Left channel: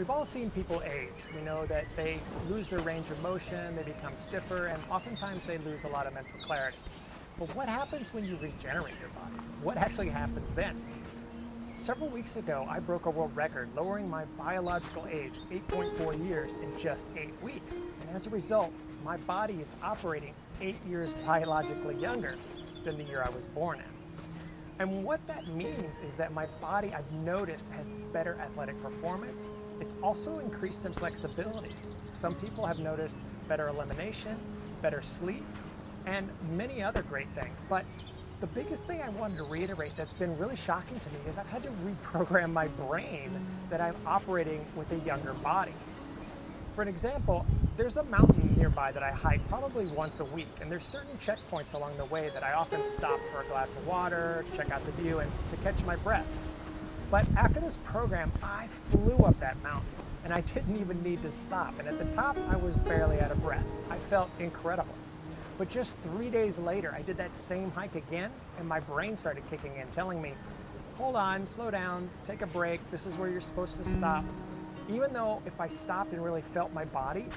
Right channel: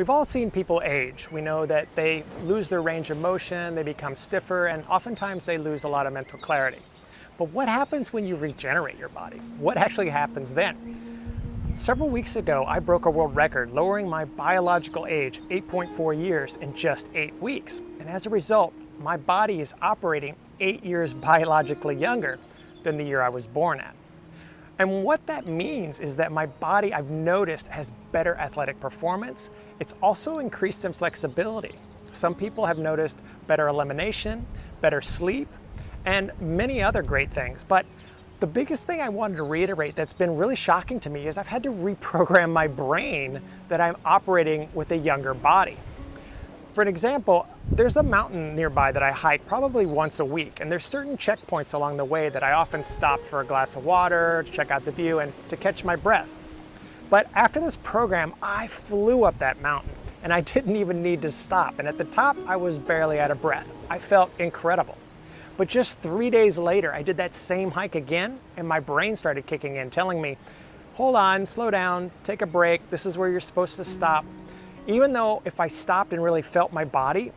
We've all seen people age. We know that they lose their range of motion, they become stiffer, and oftentimes they lose a lot of mental clarity. But what happens when you regenerate your body? What actually happens then? Several weeks ago, I broke a world record, lowering my biological age 8.4 years in just 8 weeks. And as a result, my body is operating 8 years biologically younger than the year I was born at. And what that means is that my body, I've noticed, has better athletic performance. It's also increased in flexibility. Some people have noticed better elimination, better sleep, and many other great things. But the biggest thing I wanted to reiterate that's been really shocking to me is I've had to reprogram my brain that I'm operating with a younger body. For an example, there's a mountain nearby that I hike probably once a week, and there's certain checkpoints along the way that I often stop for a glass of water, to check out the view, and to catch my breath. But after this program, I flew up that mountain, and I didn't even need to stop. And at the top, I was barely out of breath. I felt incredible. But just 3 days later, I did that same hike again, and my brain started kicking in, telling me, hold on, slow down, take a break, this is where you're supposed to stop. Even though if I stopped and really felt my body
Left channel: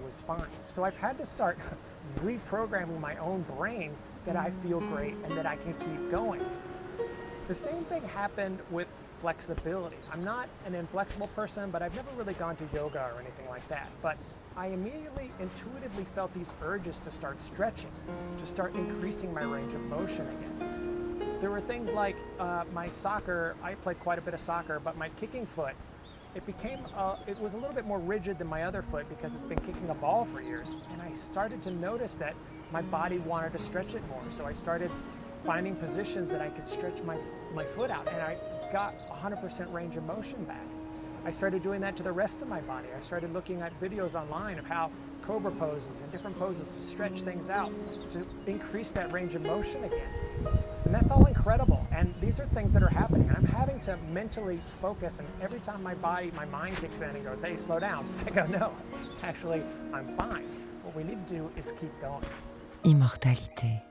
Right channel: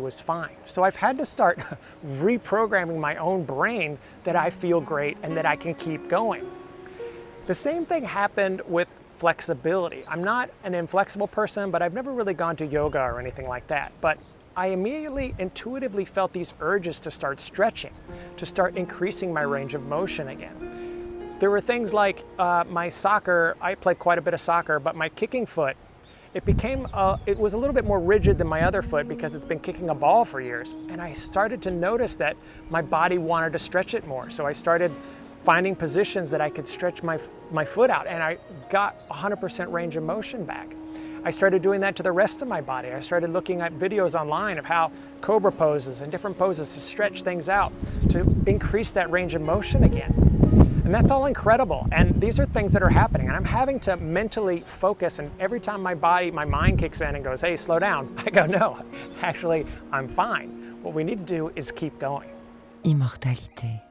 was fine. So I've had to start reprogramming my own brain that I feel great and that I can keep going. The same thing happened with flexibility. I'm not an inflexible person, but I've never really gone to yoga or anything like that. But I immediately intuitively felt these urges to start stretching, to start increasing my range of motion again. There were things like my soccer, I played quite a bit of soccer, but my kicking foot, it was a little bit more rigid than my other foot because it's been kicking a ball for years. And I started to notice that my body wanted to stretch it more. So I started finding positions that I could stretch my foot out, and I got 100% range of motion back. I started doing that to the rest of my body. I started looking at videos online of how cobra poses and different poses to stretch things out to increase that range of motion again. And that's all incredible. And these are things that are happening. And I'm having to mentally focus. And every time my mind kicks in and goes, hey, slow down, I go, no, actually, I'm fine. What we need to do is keep going. Immortalité.